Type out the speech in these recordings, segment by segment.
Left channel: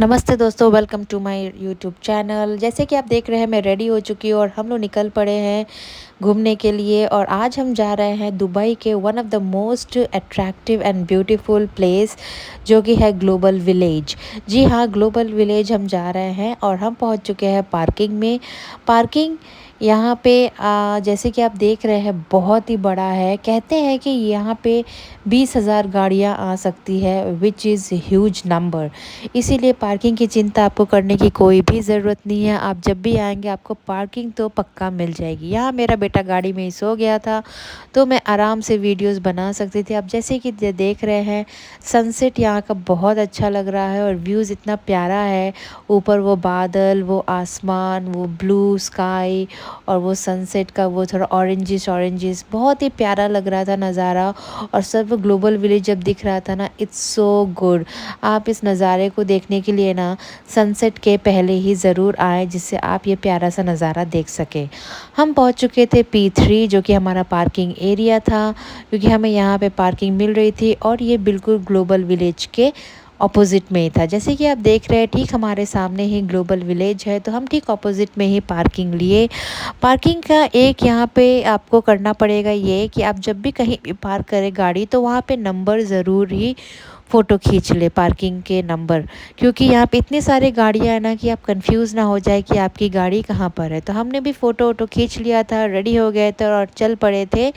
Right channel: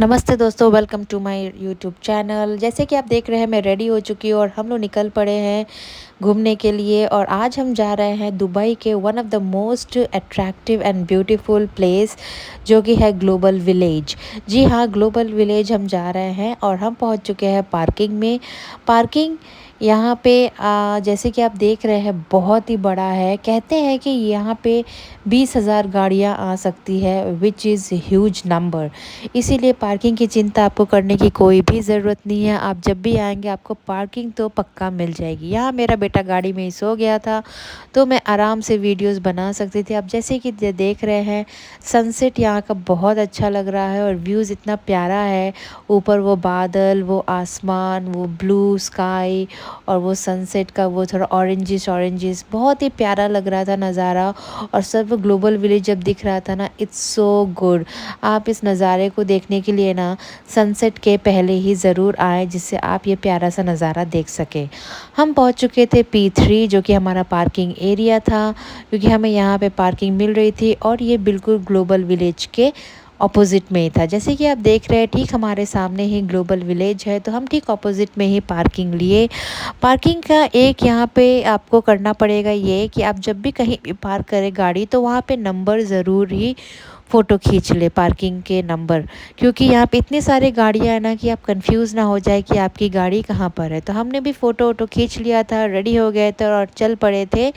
नमस्ते दोस्तों, welcome to my YouTube channel. जैसे कि आप देख रहे हैं, मैं रेडी हो चुकी हूँ और हम लोग निकल पड़े हैं घूमने के लिए। और आज हम जा रहे हैं दुबई के one of the most attractive and beautiful place, जो कि है ग्लोबल विलेज। जी हाँ, ग्लोबल विलेज हम जा रहे हैं और हम पहुँच चुके हैं पार्किंग में। पार्किंग यहाँ पे जैसे कि आप देख रहे हैं, बहुत ही बड़ा है। कहते हैं कि यहाँ पे 20,000 गाड़ियाँ आ सकती है, विच इज़ ह्यूज नंबर। इसीलिए पार्किंग की चिंता आपको करने की कोई भी ज़रूरत नहीं है। आप जब भी आएँगे, आपको पार्किंग तो पक्का मिल जाएगी। यहाँ मेरा बेटा गाड़ी में ही सो गया था, तो मैं आराम से वीडियोस बना सकती थी। आप जैसे कि देख रहे हैं, सनसेट यहाँ का बहुत अच्छा लग रहा है और व्यूज़ इतना प्यारा है। ऊपर वो बादल, वो आसमान, वो ब्लू स्काई और वो सनसेट का वो थोड़ा ऑरेंजिश ऑरेंजिश, बहुत ही प्यारा लग रहा था नज़ारा। और सब ग्लोबल विलेज जब दिख रहा था ना, इट्स सो गुड। आप इस नज़ारे को देखने के लिए ना सनसेट के पहले ही ज़रूर आएँ, जिससे आप ये प्यारा सा नज़ारा देख सकें। हम पहुंच चुके थे P3, जो कि हमारा पार्किंग एरिया था, क्योंकि हमें यहाँ पे पार्किंग मिल रही थी और ये बिल्कुल ग्लोबल विलेज के ऑपोजिट में ही था। जैसे कि आप देख रहे हैं, ठीक हमारे सामने ही ग्लोबल विलेज है, तो हम ठीक ऑपोजिट में ही पार्किंग लिए। पार्किंग का एक यहाँ पे आपको करना पड़ेगा ये कि आप जब भी कहीं भी पार्क करें गाड़ी, तो वहाँ पे नंबर ज़रूर ही फ़ोटो खींच ले, पार्किंग के नंबर। क्योंकि यहाँ पे इतनी सारी गाड़ियाँ हैं ना कि आप कंफ्यूज ना हो जाए कि आपकी गाड़ी कहाँ पर है। तो हमने भी फ़ोटो वोटो खींच लिया था, रेडी हो गए थे और चल पड़े थे।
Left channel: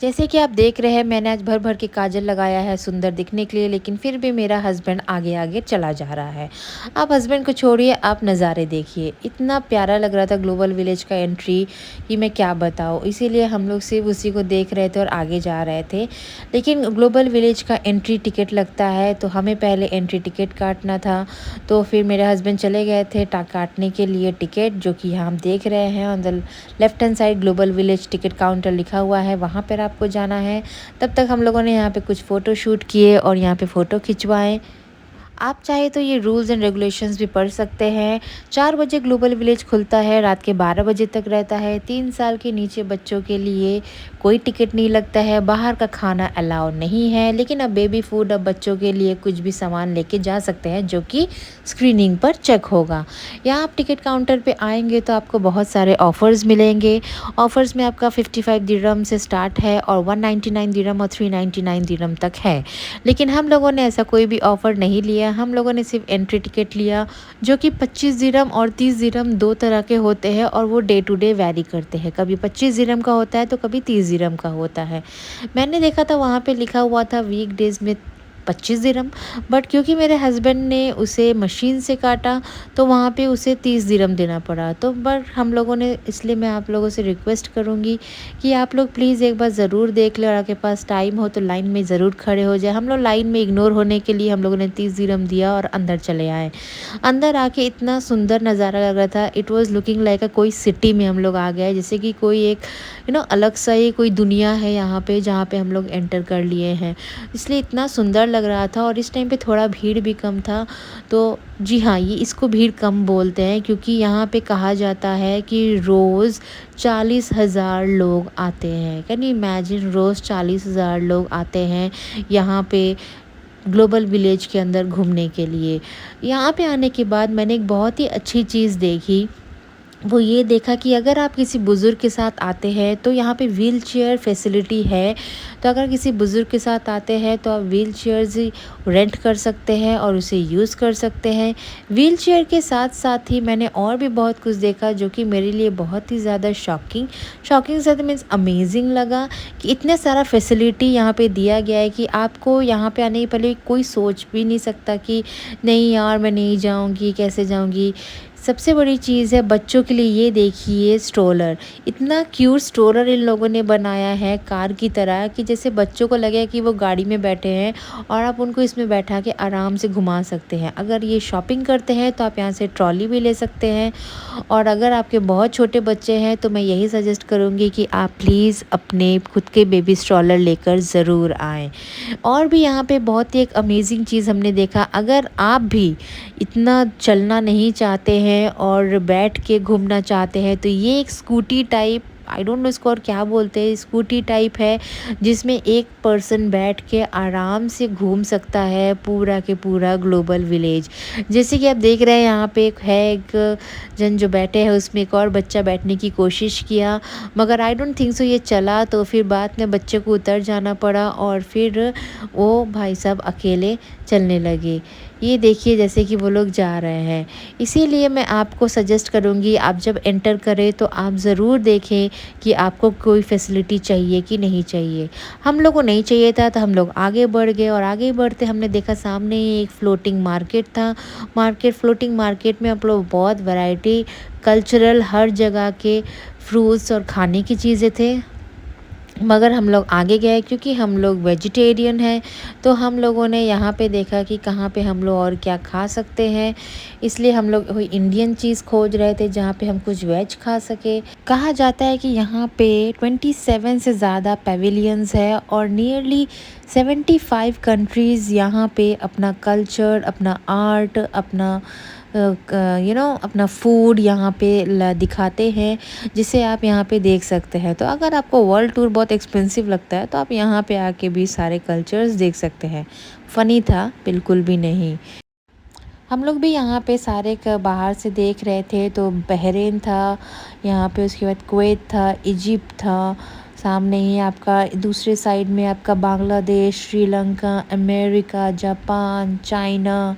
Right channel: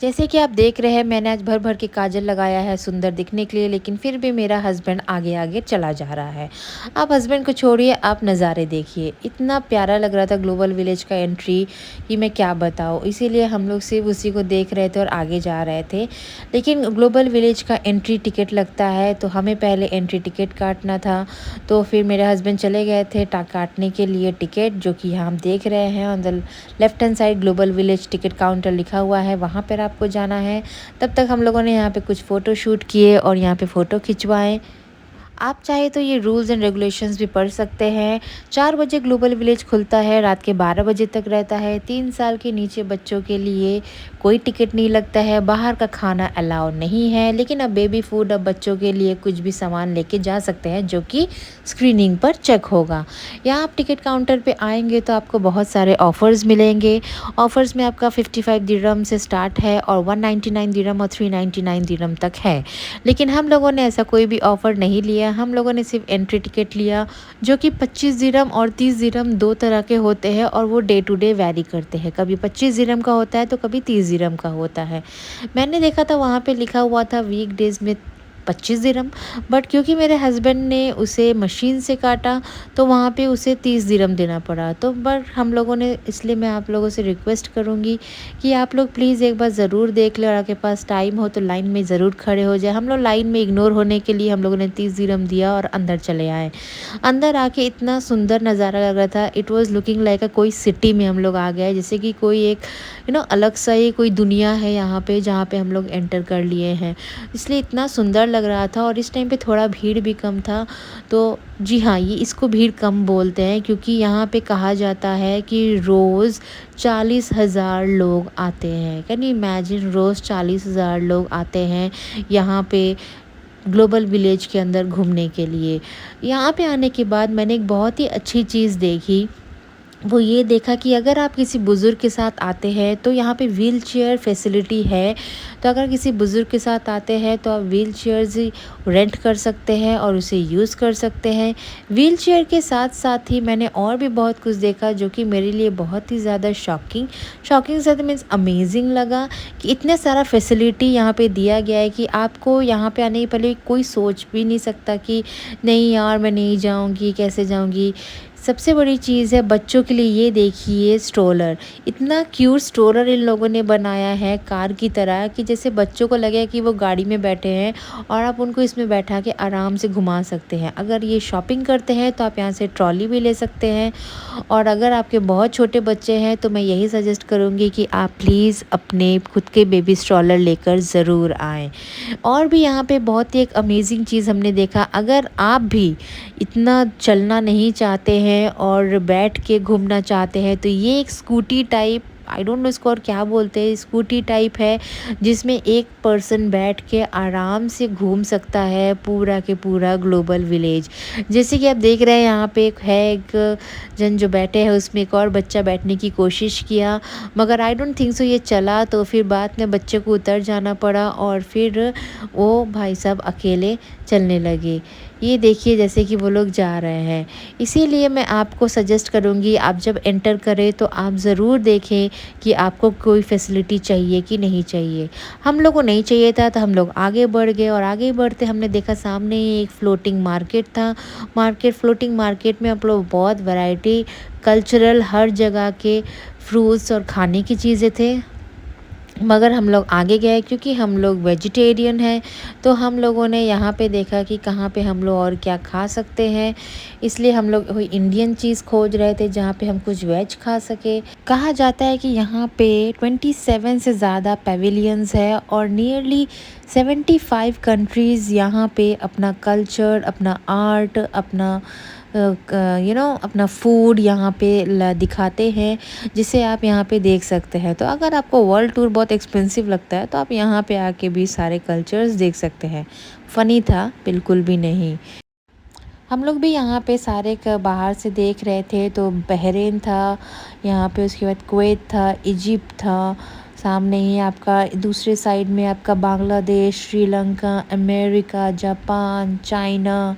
जैसे कि आप देख रहे हैं, मैंने आज भर भर के काजल लगाया है सुंदर दिखने के लिए, लेकिन फिर भी मेरा हस्बैंड आगे आगे चला जा रहा है। आप हस्बैंड को छोड़िए, आप नज़ारे देखिए। इतना प्यारा लग रहा था ग्लोबल विलेज का एंट्री कि मैं क्या बताऊँ। इसीलिए हम लोग सिर्फ उसी को देख रहे थे और आगे जा रहे थे। लेकिन ग्लोबल विलेज का एंट्री टिकट लगता है, तो हमें पहले एंट्री टिकट काटना था। तो फिर मेरे हस्बैंड चले गए थे काटने के लिए टिकट, जो कि यहाँ हम देख रहे हैं on the left hand side global village ticket counter लिखा हुआ है, वहाँ पर आपको जाना है। तब तक हम लोगों ने यहाँ पे कुछ फ़ोटो शूट किए और यहाँ पे फ़ोटो खिंचवाए। आप चाहे तो ये रूल्स एंड रेगुलेशंस भी पढ़ सकते हैं। 4 बजे ग्लोबल विलेज खुलता है, रात के 12 बजे तक रहता है। 3 साल के नीचे बच्चों के लिए कोई टिकट नहीं लगता है। बाहर का खाना अलाउ नहीं है, लेकिन अब बेबी फूड, अब बच्चों के लिए कुछ भी सामान लेके जा सकते हैं, जो कि स्क्रीनिंग पर चेक होगा। यहाँ आप टिकट काउंटर पे आएंगे तो आपको बहुत सारे ऑफ़र्स मिलेंगे। ऑफ़र्स में आपका 55 दिरहम से स्टार्ट है और 199 दिरहम और 399 दिरहम तक है। लेकिन हम लोगों ने ऐसा कोई भी ऑफ़र नहीं लिया। हम लोगों ने सिर्फ एंट्री टिकट लिया, जो कि 25 दिरहम और 30 दिरहम दो तरह के होते हैं और वो डे टू डे वैरी करते हैं। कभी 25 दिरहम का होता है तो कभी 30 दिरहम का होता है। मैंने देखा था वहाँ पे लिखा हुआ था वीक डेज़ में 25 दिरहम, बट क्योंकि मेरे हस्बैंड ने उसे मशीन से काटा, तो वहाँ पे उसे 30 दिरहम देना पड़ा। तो बट हम लोगों ने, इसलिए मैं आप लोगों से रिक्वेस्ट करूँगी कि आप लोग प्लीज़ एक बार ज़रूर देख लें और आपके पास टाइम हो तो लाइन में ज़रूर खड़े हो जाए। हम लोग लाइन में इग्नोर होने के लिए हम लोगों ने 30 दिरहम दिया और अंदर चले आए। अंदर आके इतना सुंदर नज़ारा लग रहा था, इट वाज़ लुकिंग लाइक कोई सिटी में हम लोग आ गए, जैसे कि कोई एक अलग सा ही कोई दुनिया है यहाँ पे, जहाँ पे हम लोग एंटर कर लिए हैं। इसलिए इतना सुंदर लग रहा था और इस टाइम पे थोड़ा भीड़ भी कम था। तो जी हाँ, ये इसको भीड़ कम बोलते हैं, क्योंकि यहाँ पे कहा जाता है कि रोज़ 40,000 लोग आते हैं। कैन यू इमेजिन, रोज़ 40,000 लोग आते हैं यहाँ पे ग्लोबल विलेज के अंदर घूमने के लिए। यहाँ पे आने के बाद मैंने एक बहुत ही अच्छी चीज़ देखी। वो ये देखा कि अगर आप किसी बुज़ुर्ग के साथ आते हैं तो यहाँ पे व्हील चेयर फैसिलिटी है। तो अगर किसी बुज़ुर्ग के साथ आते हैं तो आप व्हील चेयर्स रेंट कर सकते हैं और उसे यूज़ कर सकते हैं। व्हील चेयर के साथ साथ ही मैंने और भी बहुत कुछ देखा, जो कि मेरे लिए बहुत ही ज़्यादा शॉकिंग से मीन्स अमेजिंग लगा कि इतने सारा फैसिलिटी यहाँ पे दिया गया है कि आपको यहाँ पे आने के पहले कोई सोच भी नहीं सकता कि नहीं यार मैं नहीं जाऊँगी, कैसे जाऊँगी। सबसे बड़ी चीज़ है बच्चों के लिए, ये देखिए स्ट्रोलर, इतना क्यूट स्ट्रोलर इन लोगों ने बनाया है कार की तरह, कि जैसे बच्चों को लगे कि वो गाड़ी में बैठे हैं और आप उनको इसमें बैठा के आराम से घुमा सकते हैं। अगर ये शॉपिंग करते हैं तो आप यहाँ से ट्रॉली भी ले सकते हैं। और अगर आपके बहुत छोटे बच्चे हैं तो मैं यही सजेस्ट करूँगी कि आप प्लीज़ अपने खुद के बेबी स्ट्रोलर लेकर ज़रूर आएँ। और भी यहाँ पे बहुत ही एक अमेजिंग चीज़ हमने देखा। अगर आप भी इतना चलना नहीं चाहते हैं और बैठ के घूमना चाहते हैं, तो ये एक scooty type I don't know इसको और क्या बोलते हैं, स्कूटी टाइप है जिसमें एक पर्सन बैठ के आराम से घूम सकता है पूरा के पूरा ग्लोबल विलेज। जैसे कि आप देख रहे हैं यहाँ पे एक जन जो बैठे हैं उसमें एक और बच्चा बैठने की कोशिश किया, मगर आई डोंट थिंक सो ये चला, तो फिर बाद में बच्चे को उतर जाना पड़ा और फिर वो भाई साहब अकेले चलने लगे। ये देखिए जैसे कि वो लोग जा रहे हैं। इसीलिए मैं आपको सजेस्ट करूँगी आप जब एंटर करें तो आप ज़रूर देखें कि आपको कोई फैसिलिटी चाहिए कि नहीं चाहिए। हम लोग को नहीं चाहिए था तो हम लोग आगे बढ़ गए और आगे बढ़ते हमने देखा सामने ही एक फ्लोटिंग मार्केट था। फ्लोटिंग मार्केट में आप लोग बहुत वैरायटी कल्चरल हर जगह के फ्रूट्स और खाने की चीज़ें थे। मगर हम लोग आगे गए क्योंकि हम लोग वेजिटेरियन हैं, तो हम लोगों ने यहाँ पे देखा कि कहाँ पे हम लोग और क्या खा सकते हैं। इसलिए हम लोग कोई इंडियन चीज़ खोज रहे थे जहाँ पे हम कुछ वेज खा सके। कहा जाता है कि यहाँ पे 27 से ज़्यादा पेविलियंस है और नियरली 75 कंट्रीज़ यहाँ पे अपना कल्चर, अपना आर्ट, अपना अपना फूड यहाँ पे दिखाते हैं, जिसे आप यहाँ पे देख सकते हैं। तो अगर आपको वर्ल्ड टूर बहुत एक्सपेंसिव लगता है तो आप यहाँ पे आके भी सारे कल्चर्स देख सकते हैं। फ़नी था? बिल्कुल भी नहीं। हम लोग भी यहाँ पे सारे बाहर से देख रहे थे, तो बहरीन था यहाँ पे, उसके बाद कुवैत था, इजिप्ट था, सामने ही आपका दूसरे साइड में आपका Bangladesh, Sri Lanka, America, Japan, China,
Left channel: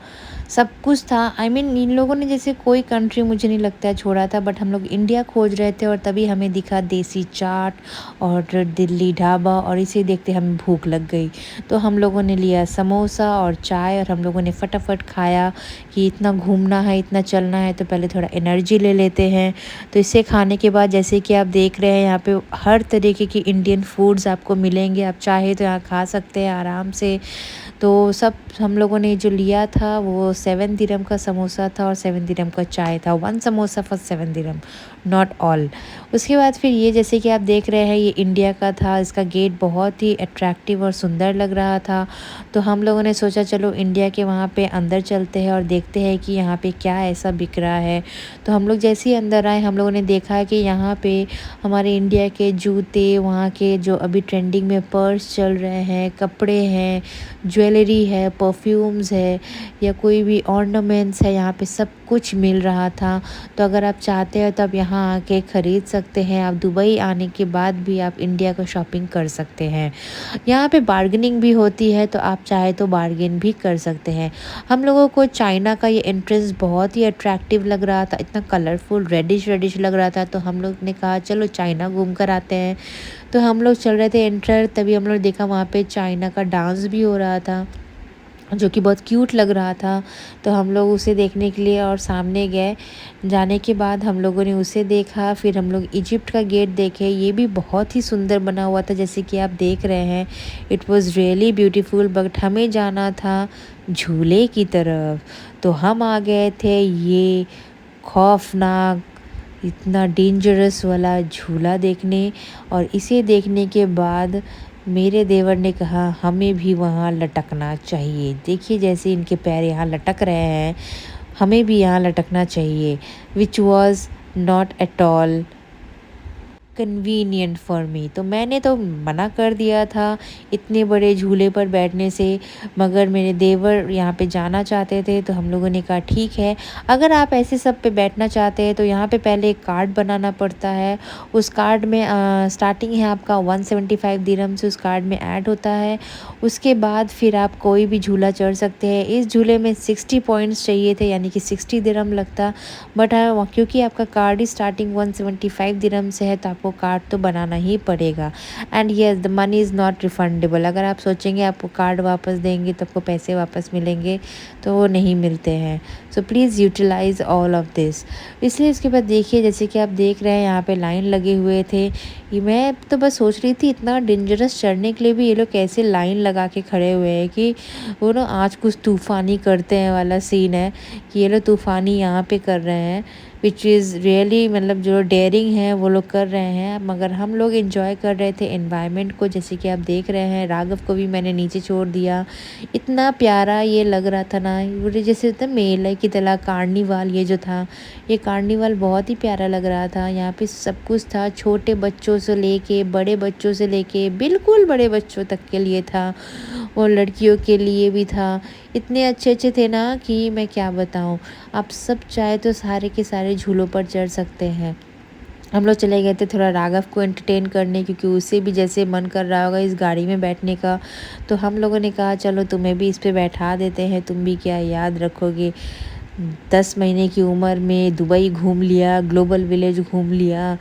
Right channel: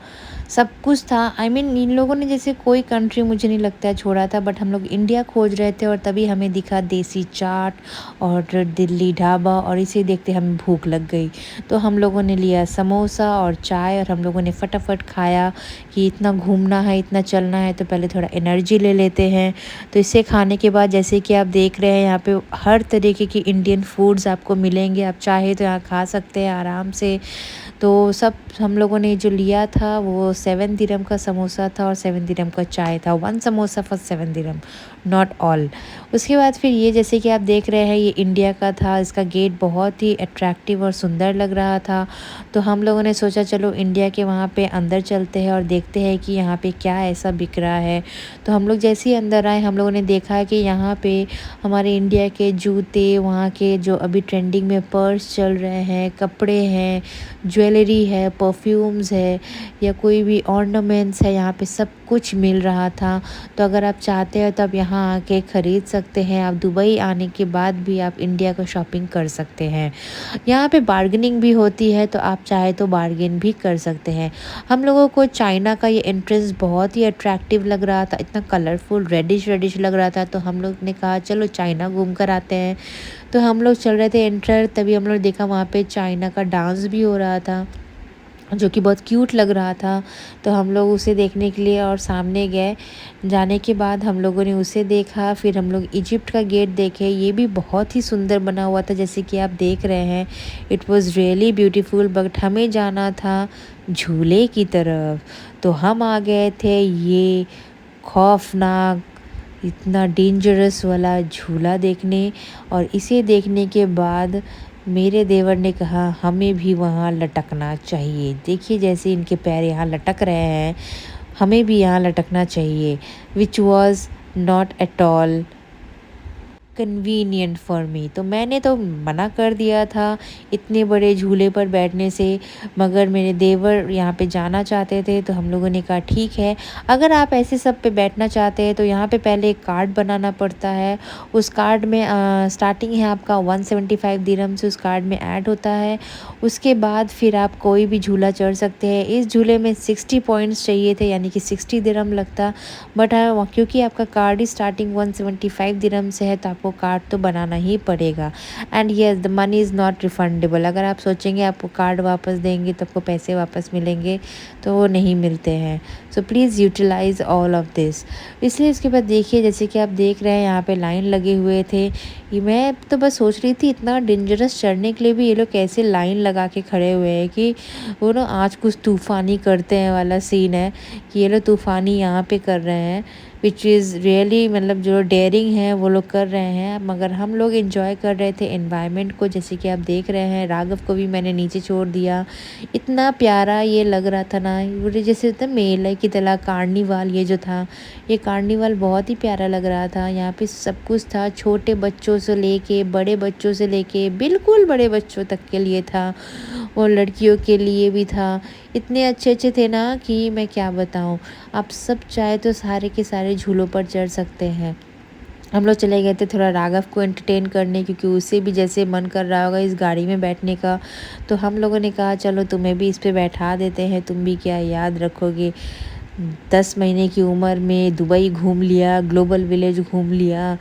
सब कुछ था। आई मीन इन लोगों ने जैसे कोई कंट्री मुझे नहीं लगता है छोड़ा था, बट हम लोग इंडिया खोज रहे थे और तभी हमें दिखा देसी चाट और दिल्ली ढाबा, और इसे देखते हमें भूख लग गई। तो हम लोगों ने लिया समोसा और चाय और हम लोगों ने फटाफट खाया कि इतना घूमना है, इतना चलना है, तो पहले थोड़ा एनर्जी ले लेते हैं। तो इसे खाने के बाद जैसे कि आप देख रहे हैं यहाँ पे हर तरीके की इंडियन फूड्स आपको मिलेंगे, आप चाहे तो यहाँ खा सकते हैं आराम से। तो सब हम लोगों ने जो लिया था वो 7 दिरहम का समोसा था और 7 दिरहम का चाय था। 1 samosa for 7 dirham, not all. उसके बाद फिर ये जैसे कि आप देख रहे हैं ये इंडिया का था, इसका गेट बहुत ही अट्रैक्टिव और सुंदर लग रहा था। तो हम लोगों ने सोचा चलो इंडिया के वहाँ पे अंदर चलते हैं और देखते हैं कि यहाँ पे क्या ऐसा बिक रहा है। तो हम लोग जैसे ही अंदर आए हम लोगों ने देखा कि यहाँ पे हमारे इंडिया के जूते, वहाँ के जो अभी ट्रेंडिंग में पर्स चल रहे हैं, कपड़े हैं, ज्वेलरी है, परफ्यूम्स है, या कोई भी ऑर्नामेंट्स है, यहाँ पे सब कुछ मिल रहा था। तो अगर आप चाहते हो तो आप यहाँ आके ख़रीद सकते हैं। आप दुबई आने के बाद भी आप इंडिया का शॉपिंग कर सकते हैं। यहाँ पे बार्गेनिंग भी होती है, तो आप चाहे तो बार्गेन भी कर सकते हैं। हम लोगों को चाइना का ये एंट्रेंस बहुत ही अट्रैक्टिव लग रहा था, इतना कलरफुल रेडिश रेडिश लग रहा था। तो हम लोग ने कहा चलो चाइना घूम कर आते हैं। तो हम लोग चल रहे थे एंटर, तभी हम लोग देखा वहाँ पे चाइना का डांस भी हो रहा था जो कि बहुत क्यूट लग रहा था। तो हम लोग उसे देखने के लिए और सामने गए। जाने के बाद हम लोगों ने उसे देखा, फिर हम लोग इजिप्ट का गेट देखे। ये भी बहुत ही सुंदर बना हुआ था जैसे कि आप देख रहे हैं। It was really beautiful, but हमें जाना था झूले की तरफ। तो हम आ गए थे ये खौफनाक, इतना डेंजरस वाला झूला देखने। और इसे देखने के बाद मेरे देवर ने कहा हमें भी वहाँ लटकना चाहिए। देखिए जैसे इनके पैर यहाँ लटक रहे हैं, हमें भी यहाँ लटकना चाहिए, which was not at all convenient for me. तो मैंने तो मना कर दिया था इतने बड़े झूले पर बैठने से, मगर मेरे देवर यहाँ पे जाना चाहते थे। तो हम लोगों ने कहा ठीक है, अगर आप ऐसे सब पे बैठना चाहते हैं तो यहाँ पे पहले एक कार्ड बनाना पड़ता है। उस कार्ड में स्टार्टिंग है आपका 175 दिरहम से, उस कार्ड में ऐड होता है। उसके बाद फिर आप कोई भी झूला चढ़ सकते हैं। इस झूले में 60 पॉइंट्स चाहिए थे, यानी कि 60 दिरहम लगता, बट क्योंकि आपका कार्ड ही स्टार्टिंग 175 दिरहम से है तो आपको कार्ड तो बनाना ही पड़ेगा। And yes the money is not refundable. अगर आप सोचेंगे आपको कार्ड वापस देंगे तो आपको पैसे वापस मिलेंगे, तो वो नहीं मिलते हैं। So please utilize all of this. इसलिए इसके बाद देखिए जैसे कि आप देख रहे हैं यहाँ पे लाइन लगे हुए थे। ये मैं तो बस सोच रही थी इतना डेंजरस चढ़ने के लिए भी ये लोग कैसे लाइन लगा के खड़े हुए हैं, कि वो ना आज कुछ तूफ़ानी करते हैं वाला सीन है, कि ये लोग तूफ़ानी यहाँ पे कर रहे हैं। विच इज़ रियली मतलब जो डेयरिंग है वो लोग कर रहे हैं, मगर हम लोग एंजॉय कर रहे थे एनवायरनमेंट को। जैसे कि आप देख रहे हैं राघव को भी मैंने नीचे छोड़ दिया। इतना प्यारा ये लग रहा था ना, पूरे जैसे होता मेले की तरह कार्निवाल ये जो था, ये कार्निवाल बहुत ही प्यारा लग रहा था। यहाँ पे सब कुछ था, छोटे बच्चों से लेके बड़े बच्चों से लेके बिल्कुल बड़े बच्चों तक के लिए था, और लड़कियों के लिए भी था। इतने अच्छे अच्छे थे ना कि मैं क्या बताऊँ। आप सब चाहे तो सारे के सारे झूलों पर चढ़ सकते हैं। हम लोग चले गए थे थोड़ा राघव को एंटरटेन करने, क्योंकि उसे भी जैसे मन कर रहा होगा इस गाड़ी में बैठने का। तो हम लोगों ने कहा चलो तुम्हें भी इस पे बैठा देते हैं, तुम भी क्या याद रखोगे। 10 महीने की उम्र में दुबई घूम लिया, ग्लोबल विलेज घूम लिया,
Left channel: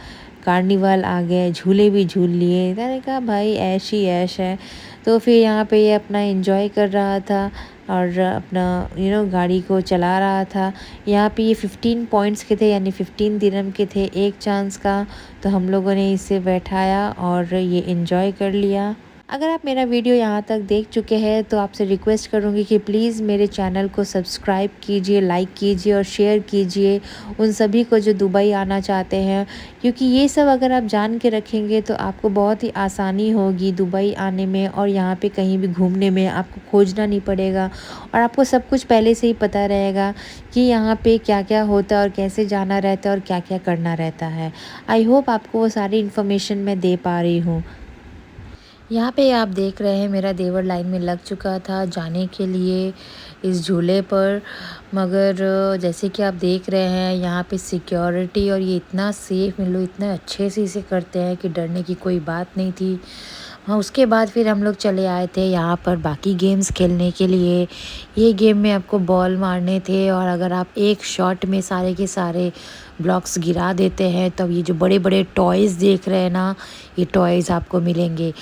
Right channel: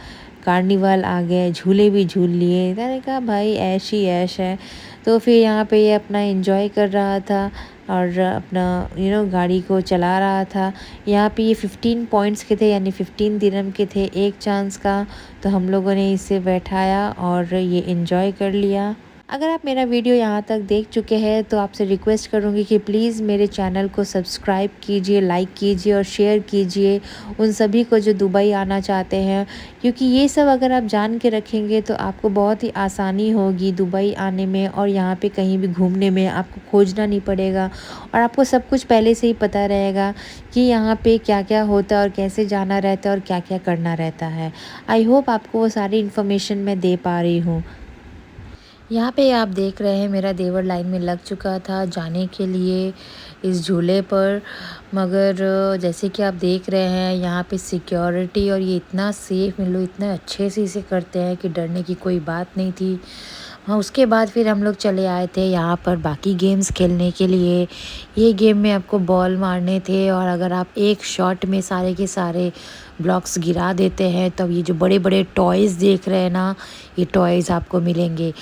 कार्निवल आ गए, झूले भी झूल लिए। मैंने कहा भाई ऐश ही ऐश है। तो फिर यहाँ पे ये अपना एंजॉय कर रहा था और अपना गाड़ी को चला रहा था। यहाँ पे ये 15 पॉइंट्स के थे, यानी 15 दिरहम के थे एक चांस का। तो हम लोगों ने इसे बैठाया और ये एंजॉय कर लिया। अगर आप मेरा वीडियो यहाँ तक देख चुके हैं तो आपसे रिक्वेस्ट करूँगी कि प्लीज़ मेरे चैनल को सब्सक्राइब कीजिए, लाइक कीजिए और शेयर कीजिए उन सभी को जो दुबई आना चाहते हैं, क्योंकि ये सब अगर आप जान के रखेंगे तो आपको बहुत ही आसानी होगी दुबई आने में, और यहाँ पे कहीं भी घूमने में आपको खोजना नहीं पड़ेगा, और आपको सब कुछ पहले से ही पता रहेगा कि यहाँ पे क्या क्या होता है और कैसे जाना रहता है और क्या क्या करना रहता है। आई होप आपको वो सारी इन्फॉर्मेशन मैं दे पा रही हूँ। यहाँ पे आप देख रहे हैं मेरा देवर लाइन में लग चुका था जाने के लिए इस झूले पर, मगर जैसे कि आप देख रहे हैं यहाँ पे सिक्योरिटी और ये इतना सेफ़, इन लोग इतना अच्छे से इसे करते हैं कि डरने की कोई बात नहीं थी। हाँ, उसके बाद फिर हम लोग चले आए थे यहाँ पर बाकी गेम्स खेलने के लिए। ये गेम में आपको बॉल मारने थे, और अगर आप एक शॉट में सारे के सारे ब्लॉक्स गिरा देते हैं तब ये जो बड़े बड़े टॉयज़ देख रहे हैं ना, ये टॉयज़ आपको मिलेंगे।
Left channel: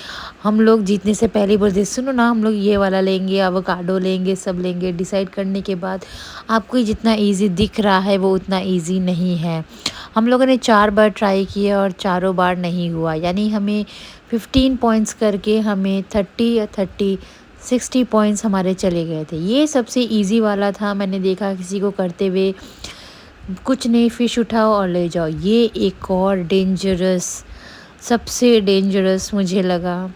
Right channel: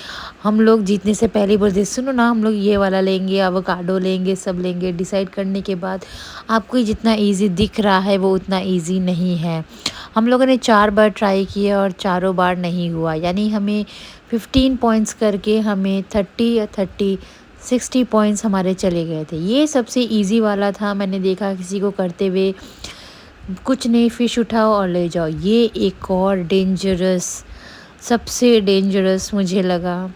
हम लोग जीतने से पहले ही बोलते सुनो ना, हम लोग ये वाला लेंगे, एवोकाडो लेंगे, सब लेंगे। डिसाइड करने के बाद आपको ये जितना इजी दिख रहा है वो उतना इजी नहीं है। हम लोगों ने 4 बार ट्राई किए और चारों बार नहीं हुआ, यानी हमें 15 पॉइंट्स करके हमें 30 या 60 पॉइंट्स हमारे चले गए थे। ये सबसे इजी वाला था, मैंने देखा किसी को करते हुए। कुछ नहीं, फ़िश उठाओ और ले जाओ। ये एक और डेंजरस, सबसे डेंजरस मुझे लगा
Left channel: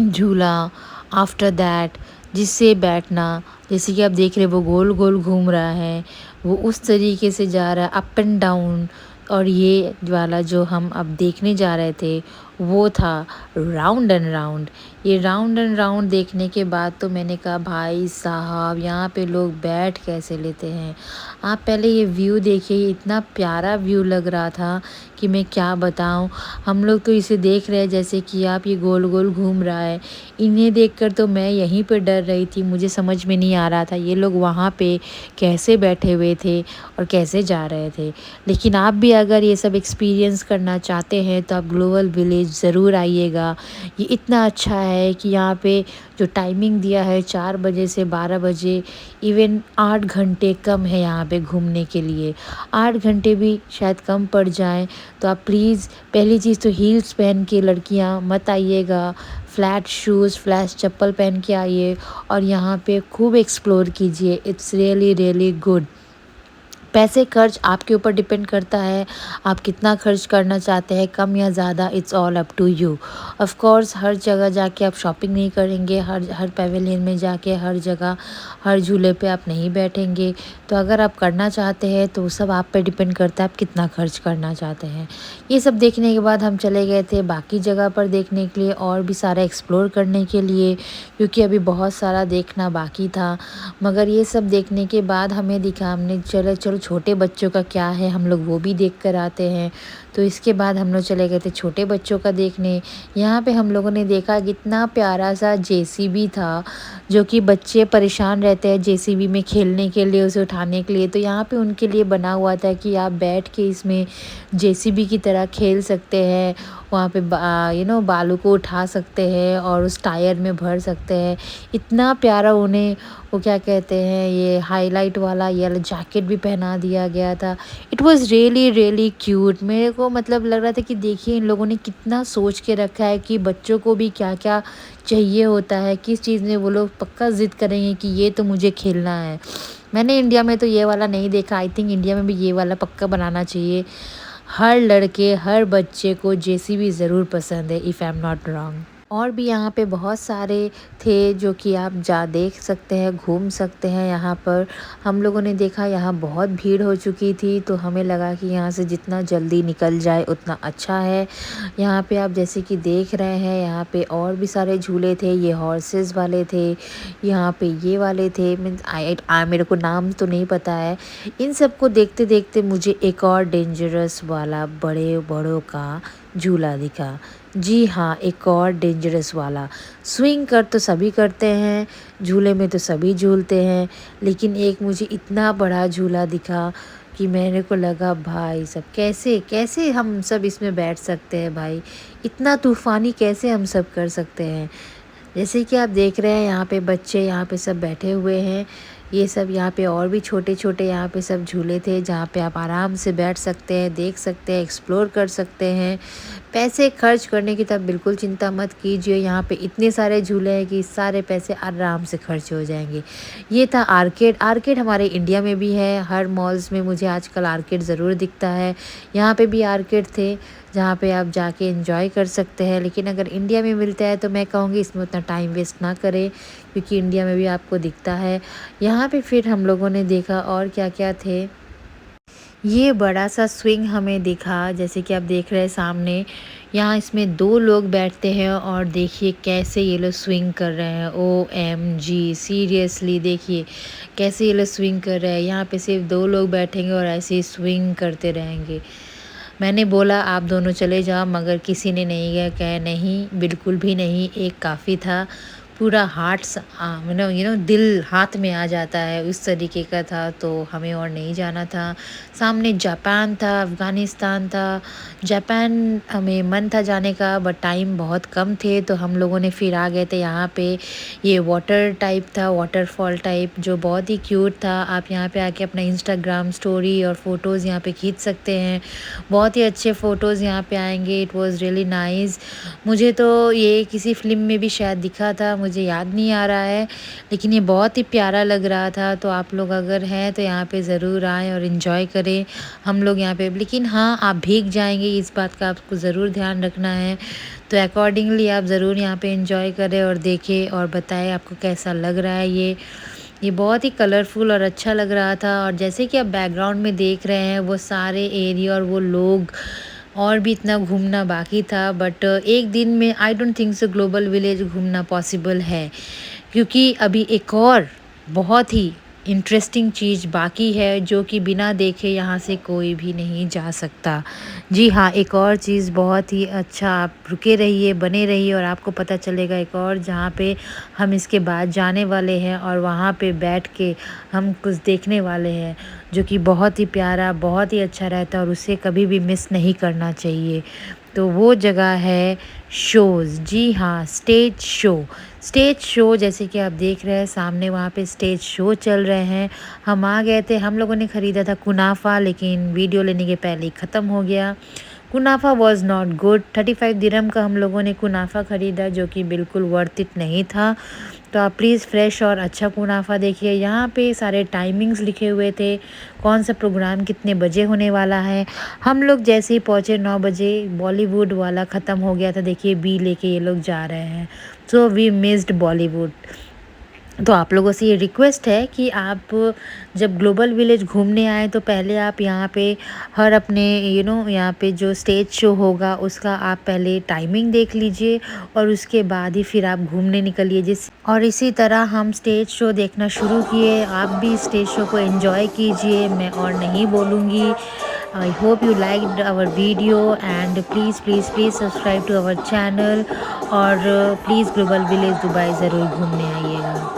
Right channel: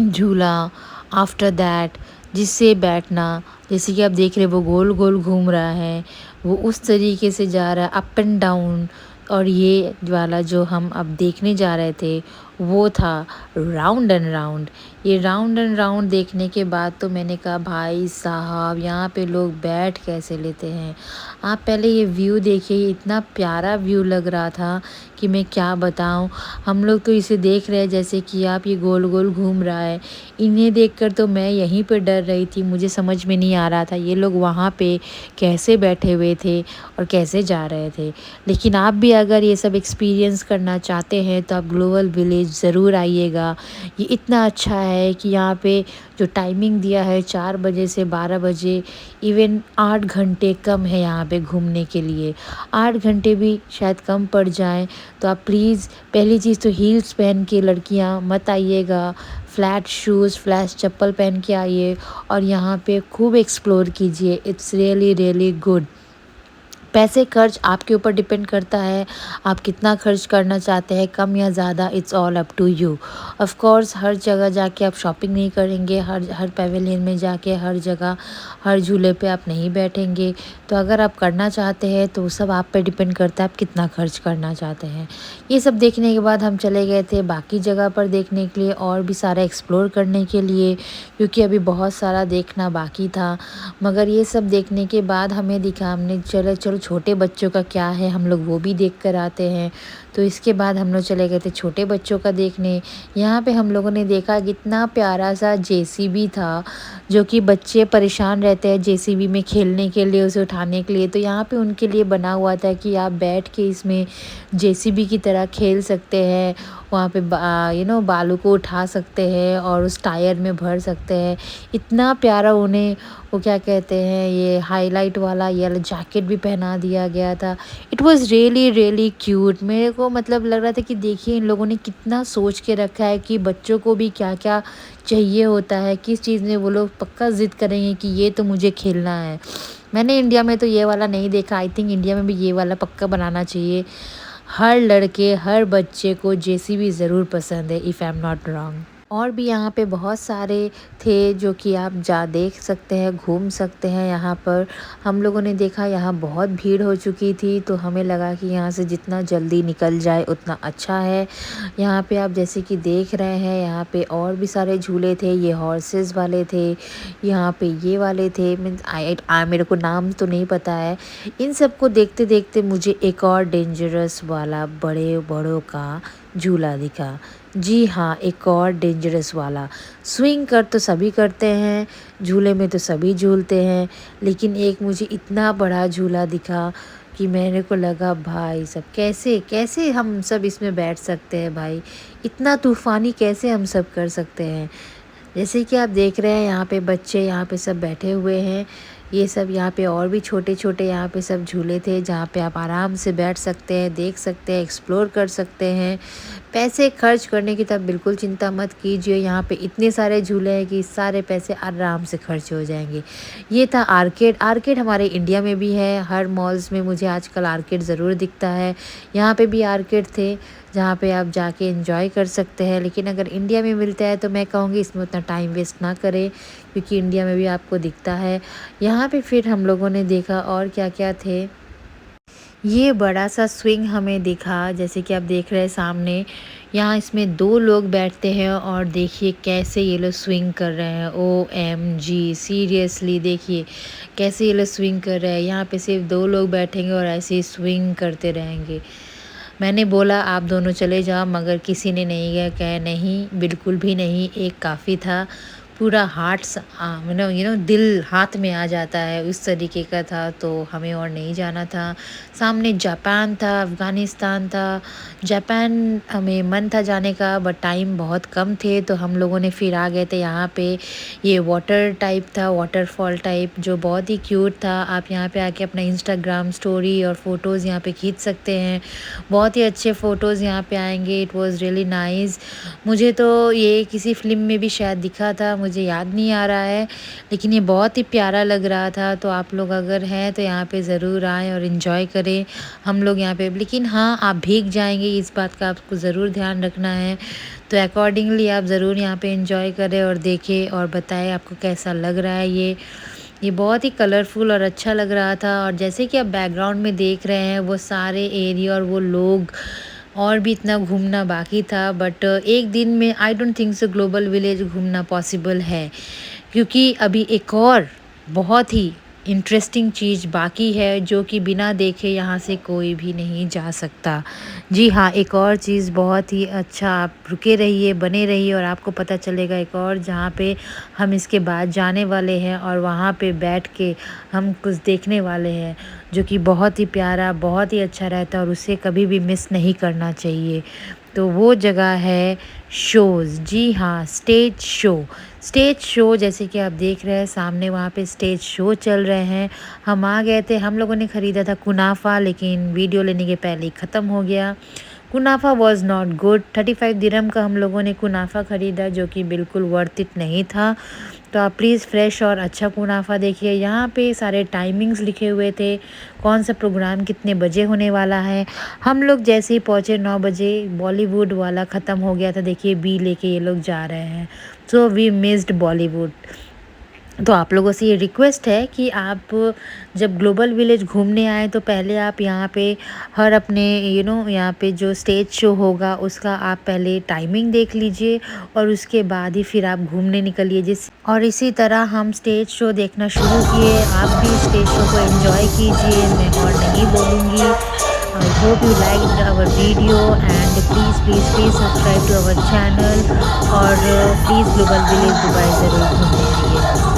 झूला आफ्टर दैट, जिससे बैठना, जैसे कि आप देख रहे हैं वो गोल गोल घूम रहा है, वो उस तरीके से जा रहा है अप एंड डाउन। और ये वाला जो हम अब देखने जा रहे थे वो था राउंड एंड राउंड। ये राउंड एंड राउंड देखने के बाद तो मैंने कहा भाई साहब यहाँ पे लोग बैठ कैसे लेते हैं। आप पहले ये व्यू देखिए, इतना प्यारा व्यू लग रहा था कि मैं क्या बताऊं। हम लोग तो इसे देख रहे हैं जैसे कि आप ये गोल गोल घूम रहा है। इन्हें देखकर तो मैं यहीं पे डर रही थी, मुझे समझ में नहीं आ रहा था ये लोग वहाँ पे कैसे बैठे हुए थे और कैसे जा रहे थे। लेकिन आप भी अगर ये सब एक्सपीरियंस करना चाहते हैं तो आप ग्लोबल विलेज ज़रूर आइएगा। ये इतना अच्छा है कि यहाँ पे जो टाइमिंग दिया है 4 बजे से 12 बजे, इवन 8 घंटे कम है यहाँ पे घूमने के लिए। 8 घंटे भी शायद कम पड़ जाएं, तो आप प्लीज़ पहली चीज़ तो हील्स पहन के लड़कियाँ मत आइएगा। फ्लैट शूज़, फ्लैट चप्पल पहन के आइए और यहाँ पे खूब एक्सप्लोर कीजिए। It's really really good. पैसे खर्च आपके ऊपर डिपेंड करता है, आप कितना खर्च करना चाहते हैं, कम या ज़्यादा, it's all up to you. Of course हर जगह जाके आप शॉपिंग नहीं करेंगे, हर हर पेवेलियन में जाके हर जगह हर झूले पे आप नहीं बैठेंगे। तो अगर आप करना चाहते हैं तो सब आप पे डिपेंड करता है आप कितना खर्च करना चाहते हैं। ये सब देखने के बाद हम चले गए थे बाकी जगह पर देखने के लिए, और भी सारा एक्सप्लोर करने के लिए, क्योंकि अभी बहुत सारा देखना बाकी था। मगर ये सब देखने के बाद हमें दिखा, हमने चलो चलो छोटे बच्चों का क्या है, हम लोग वो भी देख कर आते हैं। तो इसके बाद हम लोग चले गए थे छोटे बच्चों का देखने। यहाँ पे हम लोगों ने देखा कितना प्यारा सा जेसीबी था, जो कि बच्चे परेशान रहते हैं जेसीबी में खेलने के लिए, उसे उठाने के लिए। तो यहाँ पे उनके लिए बना हुआ था कि आप बैठ के इसमें जेसीबी की तरह खेल सकते हैं। वहाँ पे बालू को उठा सकते हैं और उस टायर में भर सकते हैं। इतना प्यारा उन्हें वो क्या कहते हैं, ये हाईलाइट वाला येलो जैकेट भी पहना दिया गया था। It was really really cute. मेरे को मतलब लग रहा था कि देखिए इन लोगों ने कितना सोच के रखा है कि बच्चों को भी क्या क्या चाहिए होता है, किस चीज़ में वो लोग पक्का ज़िद करेंगे कि ये तो मुझे खेलना है। मैंने इंडिया में तो ये वाला नहीं देखा। आई थिंक इंडिया में भी ये वाला पक्का बनाना चाहिए। हर लड़के, हर बच्चे को जेसीबी ज़रूर पसंद है, if I am not wrong. और भी यहाँ पे बहुत सारे थे जो कि आप जा देख सकते हैं, घूम सकते हैं यहाँ पर। हम लोगों ने देखा यहाँ बहुत भीड़ हो चुकी थी, तो हमें लगा कि यहाँ से जितना जल्दी निकल जाए उतना अच्छा है। यहाँ पे आप जैसे कि देख रहे हैं, यहाँ पे और भी सारे झूले थे। ये हॉर्सेस वाले थे, यहाँ पे ये वाले थे। मीन्स मेरे को नाम तो नहीं पता है। इन सबको देखते देखते मुझे एक और डेंजरस वाला बड़े बड़ों का झूला दिखा। जी हाँ, एक और डेंजरस वाला। स्विंग कर तो सभी करते हैं, झूले में तो सभी झूलते हैं, लेकिन एक मुझे इतना बड़ा झूला दिखा कि मेरे को लगा भाई सब कैसे कैसे हम सब इसमें बैठ सकते हैं भाई, इतना तूफ़ानी कैसे हम सब कर सकते हैं। जैसे कि आप देख रहे हैं यहाँ पे बच्चे यहाँ पे सब बैठे हुए हैं। ये सब यहाँ पे और भी छोटे-छोटे यहाँ पे सब झूले थे, जहाँ पे आप आराम से बैठ सकते हैं, देख सकते हैं, एक्सप्लोर कर सकते हैं। पैसे खर्च करने की तो आप बिल्कुल चिंता मत कीजिए, यहाँ पे इतने सारे झूले हैं कि सारे पैसे आराम से खर्च हो जाएँगे। ये था आर्केड। आर्केड हमारे इंडिया में भी है, हर मॉल्स में मुझे आजकल आर्केड ज़रूर दिखता है। यहाँ पे भी आर्केड थे, जहाँ पे आप जाके एंजॉय कर सकते हैं। लेकिन अगर इंडिया में मिलता है तो मैं कहूँगी इसमें उतना टाइम वेस्ट ना करें, क्योंकि इंडिया में भी आपको दिखता है। यहाँ पे फिर हम लोगों ने देखा और क्या-क्या थे। ये बड़ा सा स्विंग हमें दिखा, जैसे कि आप देख रहे हैं सामने। यहाँ इसमें 2 लोग बैठते हैं और देखिए कैसे ये लोग स्विंग कर रहे हैं। ओएमजी! सीरियसली देखिए कैसे ये लोग स्विंग कर रहे हैं। यहाँ पे सिर्फ 2 लोग बैठेंगे और ऐसे ही स्विंग करते रहेंगे। मैंने बोला आप दोनों चले जाओ, मगर किसी ने नहीं गया। कहे नहीं, बिल्कुल भी नहीं, एक काफ़ी था। पूरा दिल हाथ में आ जाता है, उस तरीके का था, तो हमें और नहीं जाना था। सामने जापान था, अफ़गानिस्तान था। जापान हमें मन था जाने का, बट टाइम बहुत कम थे, तो हम लोगों ने फिर आ गए थे यहाँ पे। ये वाटर टाइप था, वाटरफॉल टाइप, जो बहुत ही क्यूट था। आप यहाँ पे आके अपना इंस्टाग्राम स्टोरी और फ़ोटोज़ यहाँ पे खींच सकते हैं। बहुत ही अच्छे फ़ोटोज़ यहाँ पे आएँगे। It was really nice. मुझे तो ये किसी फ़िल्म में भी शायद दिखा था, मुझे याद नहीं आ रहा है, लेकिन ये बहुत ही प्यारा लग रहा था। तो आप लोग अगर हैं तो यहाँ पे ज़रूर आएँ और एन्जॉय करें। हम लोग यहाँ पे, लेकिन हाँ, आप भीग जाएँगे, इस बात का आपको ज़रूर ध्यान रखना है। तो अकॉर्डिंगली आप ज़रूर यहाँ पे एन्जॉय करें और देखें और बताएँ आपको कैसा लग रहा है ये। ये बहुत ही कलरफुल और अच्छा लग रहा था। और जैसे कि आप बैकग्राउंड में देख रहे हैं, वो सारे एरिया और वो लोग, और भी इतना घूमना बाकी था। बट एक दिन में I don't think so global village घूमना पॉसिबल है, क्योंकि अभी एक और बहुत ही इंटरेस्टिंग चीज़ बाकी है, जो कि बिना देखे यहाँ से कोई भी नहीं जा सकता। जी हाँ, एक और चीज़ बहुत ही अच्छा, आप रुके रहिए, बने रहिए और आपको पता चलेगा एक और, जहाँ पे हम इसके बाद जाने वाले हैं और वहाँ पे बैठ के हम कुछ देखने वाले हैं, जो कि बहुत ही प्यारा, बहुत ही अच्छा रहता है और उसे कभी भी मिस नहीं करना चाहिए। तो वो जगह है शोज़। जी हाँ, स्टेज शो। स्टेज शो, जैसे कि आप देख रहे हैं सामने, वहाँ पे स्टेज शो चल रहे हैं। हम आ गए थे, हम लोगों ने ख़रीदा था कुनाफा, लेकिन वीडियो लेने के पहले ही ख़त्म हो गया। कुनाफा वाज़ नॉट गुड। 35 दिरहम का हम लोगों ने कुनाफा ख़रीदा, जो कि बिल्कुल वर्थ इट नहीं था। तो आप प्लीज़ फ्रेश और अच्छा कुनाफा देखिए। यहाँ पे सारे टाइमिंग्स लिखे हुए थे, कौन सा प्रोग्राम कितने बजे होने वाला है। हम लोग जैसे ही पहुँचे 9 बजे, बॉलीवुड वाला ख़त्म हो गया था। देखिए बी लेके ये लोग जा रहे हैं, सो वी मिस्ड बॉलीवुड। तो आप लोगों से ये रिक्वेस्ट है कि आप जब ग्लोबल विलेज घूमने आएँ तो पहले आप यहाँ पे हर अपने यहाँ पे जो स्टेज शो होगा उसका आप पहले टाइमिंग देख लीजिए, और उसके बाद ही फिर आप घूमने निकलिए। और इसी तरह हम स्टेज शो देखना शुरू किए। आप भी स्टेज शो को एंजॉय कीजिए, मैं और नहीं बोलूँगी। I hope you liked our video, and please please please subscribe to our channel. और प्लीज़ ग्लोबल विलेज दुबई ज़रूर घूमने आइएगा।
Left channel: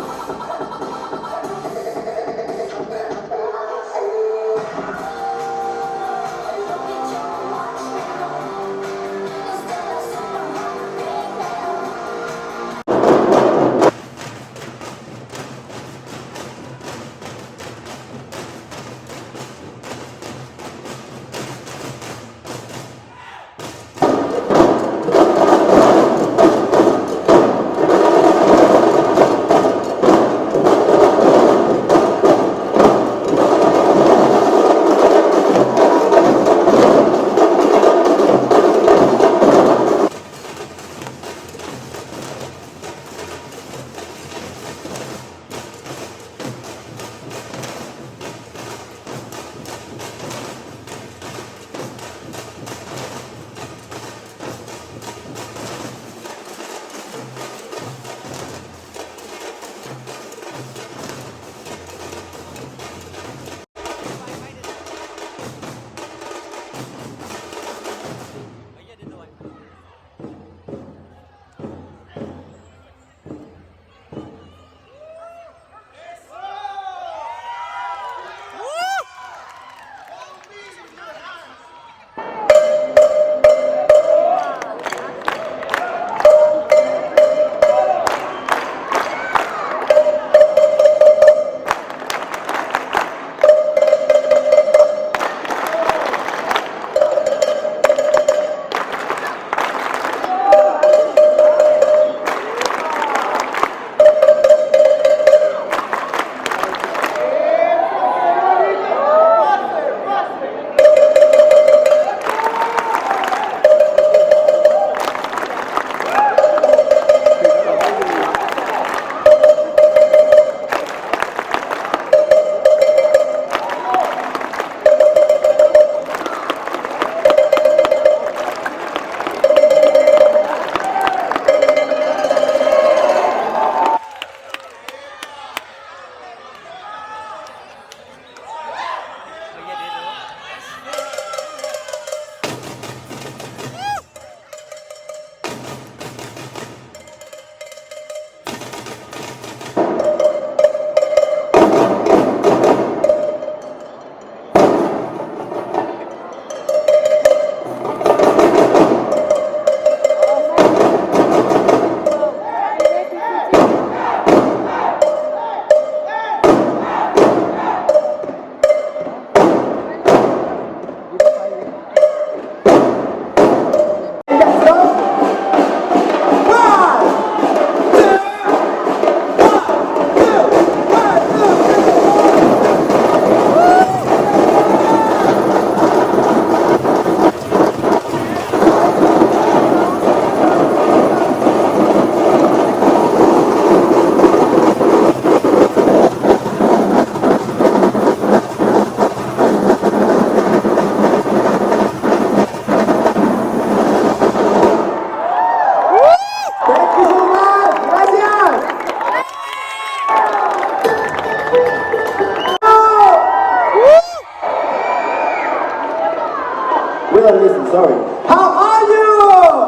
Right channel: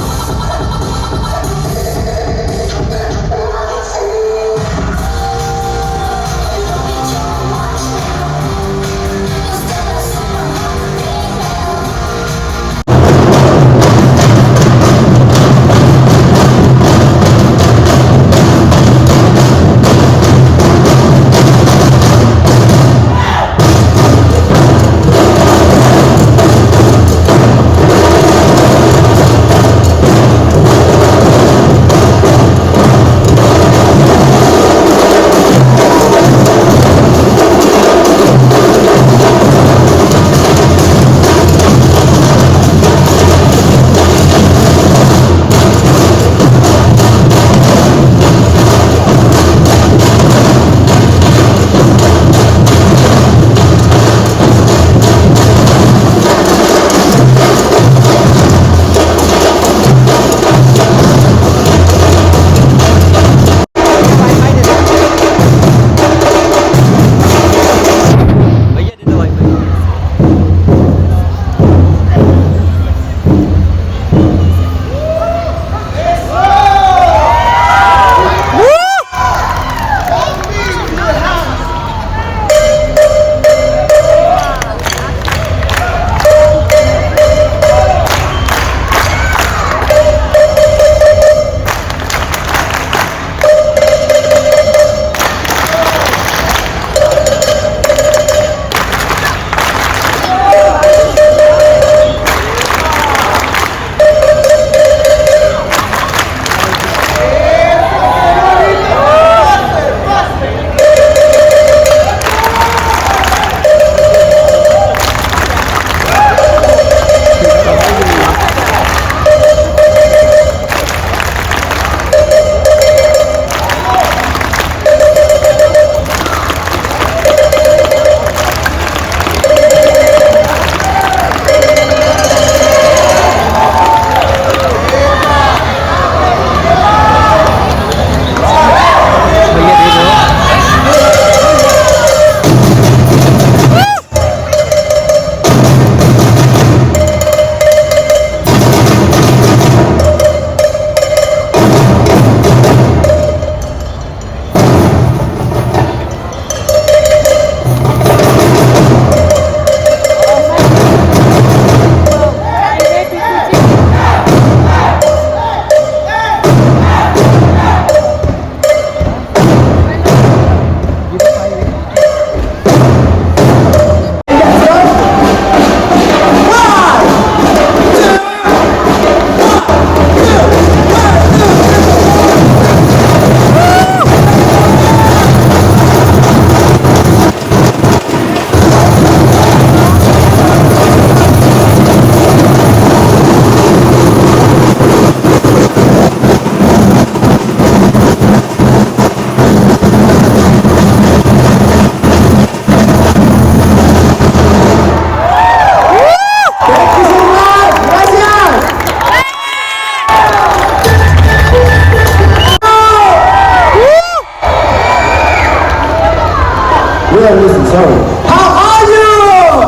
sorry. How are you?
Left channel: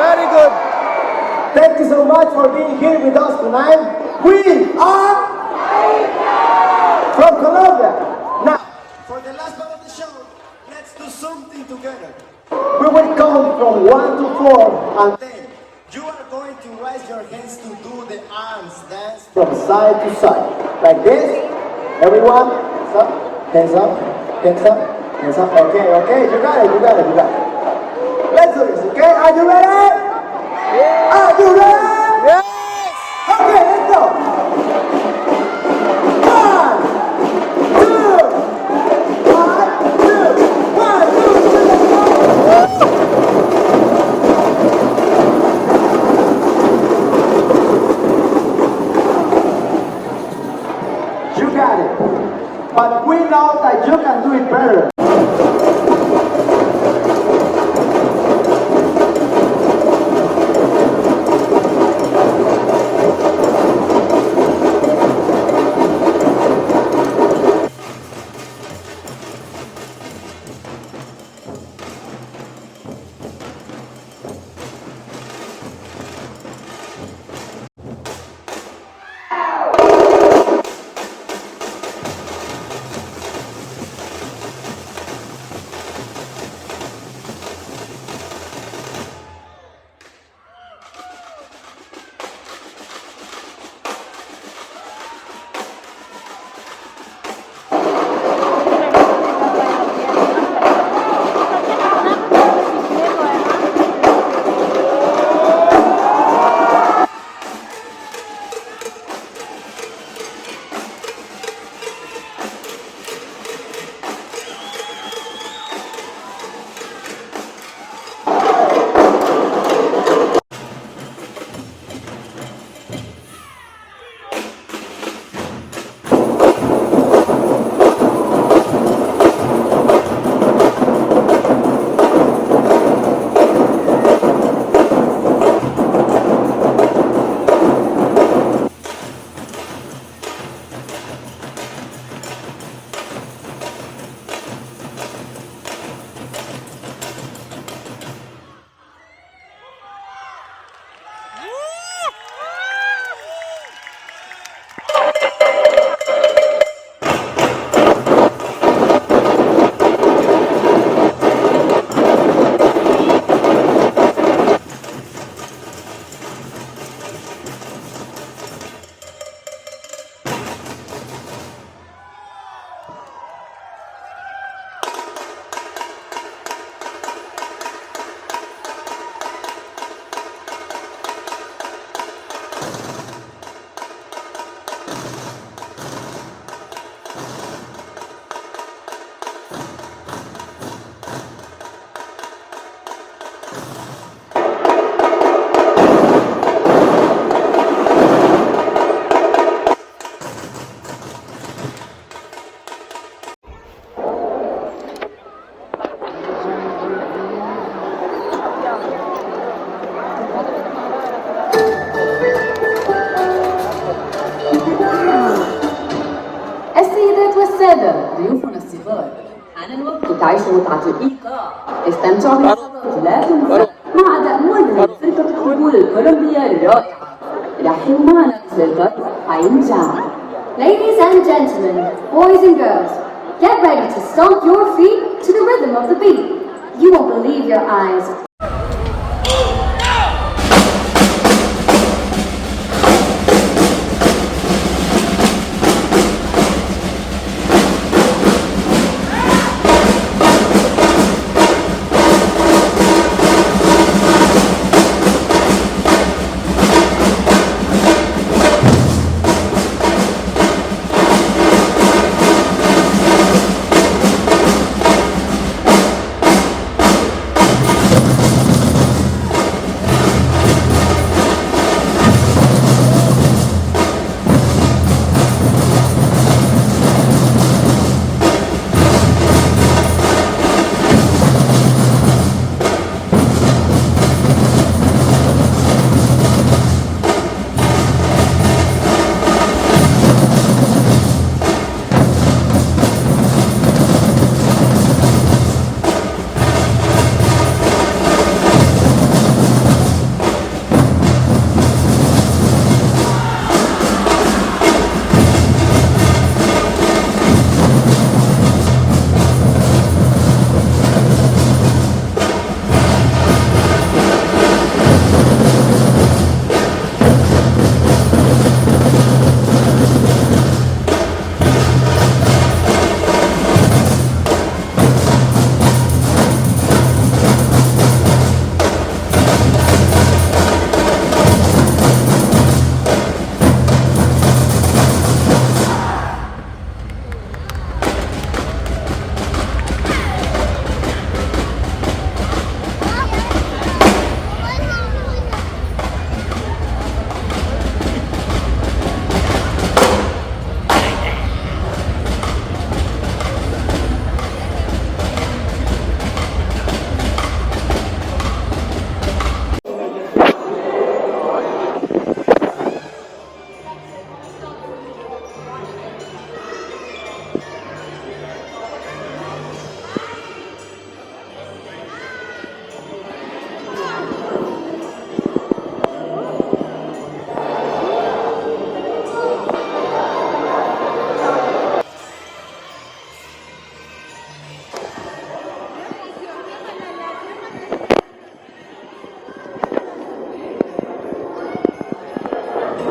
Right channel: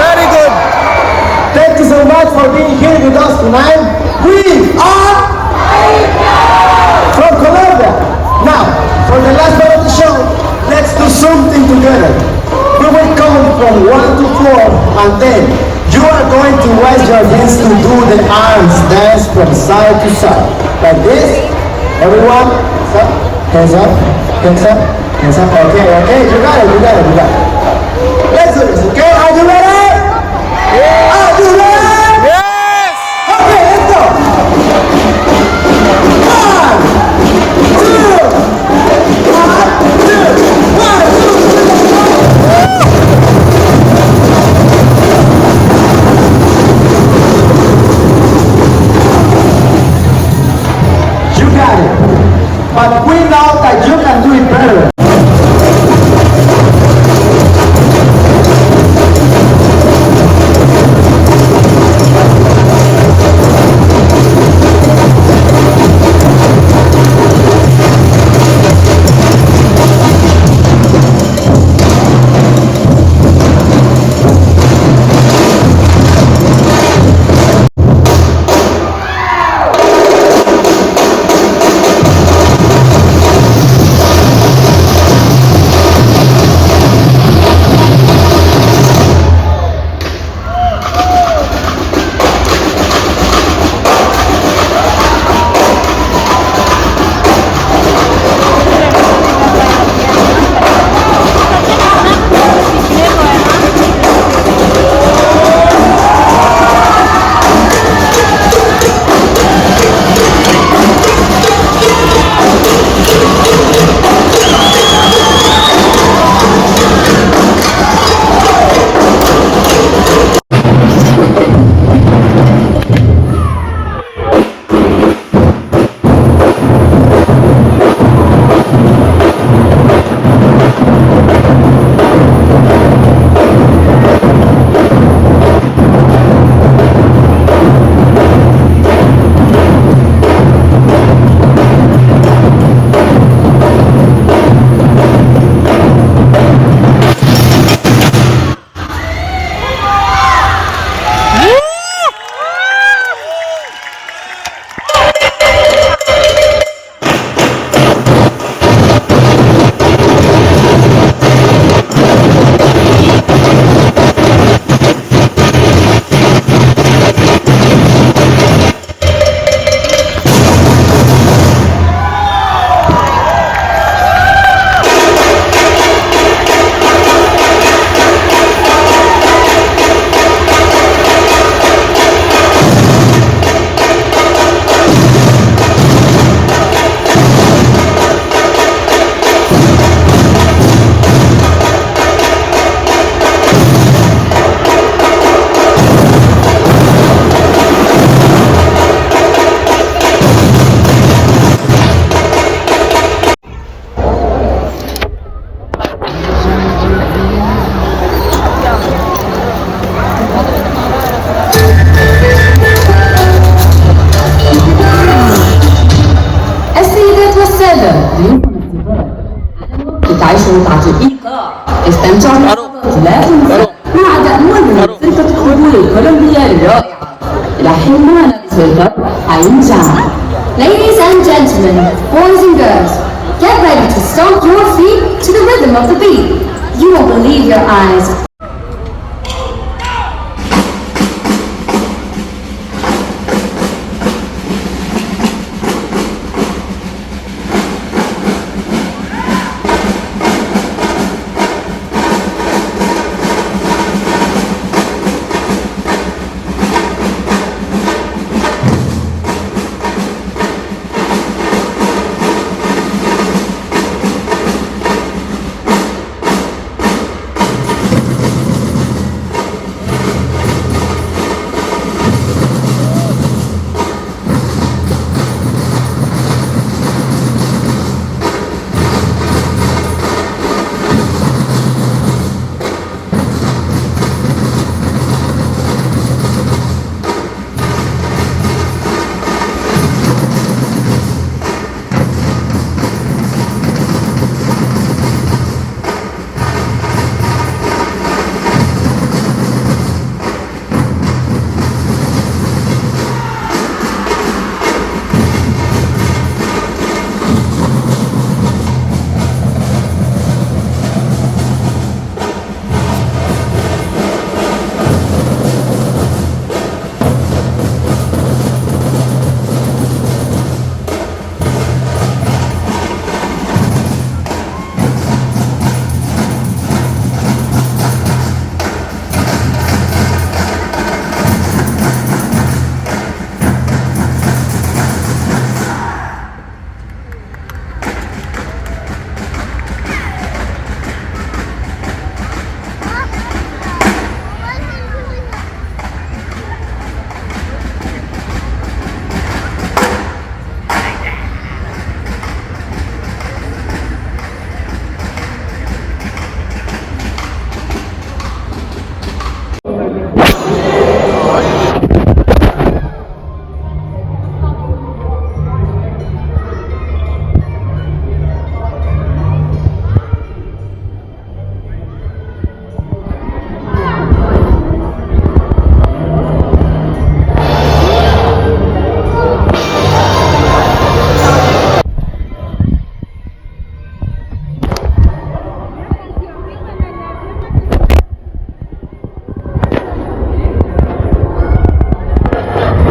Very good. Thank you so much for being here with us tonight. We are from Colombia. Now, for the last part of the show, let's do something together. We will count from 1 to 4, and then you are going to raise your hands to do the arms dance from side to side. Like this. Everyone, stop. Hands up, hands up, hands up. Okay, okay, you got it, you got it, you got it. Let's do this, okay? Are you ready? Yeah. Are you ready? Yes! Okay, let's go. 1, 2, 1, 2, 3. You got it. But we know that you can do it better. Ladies and gentlemen, boys and girls, get ready to stomp your feet to the rhythm of the beat. You won't believe your eyes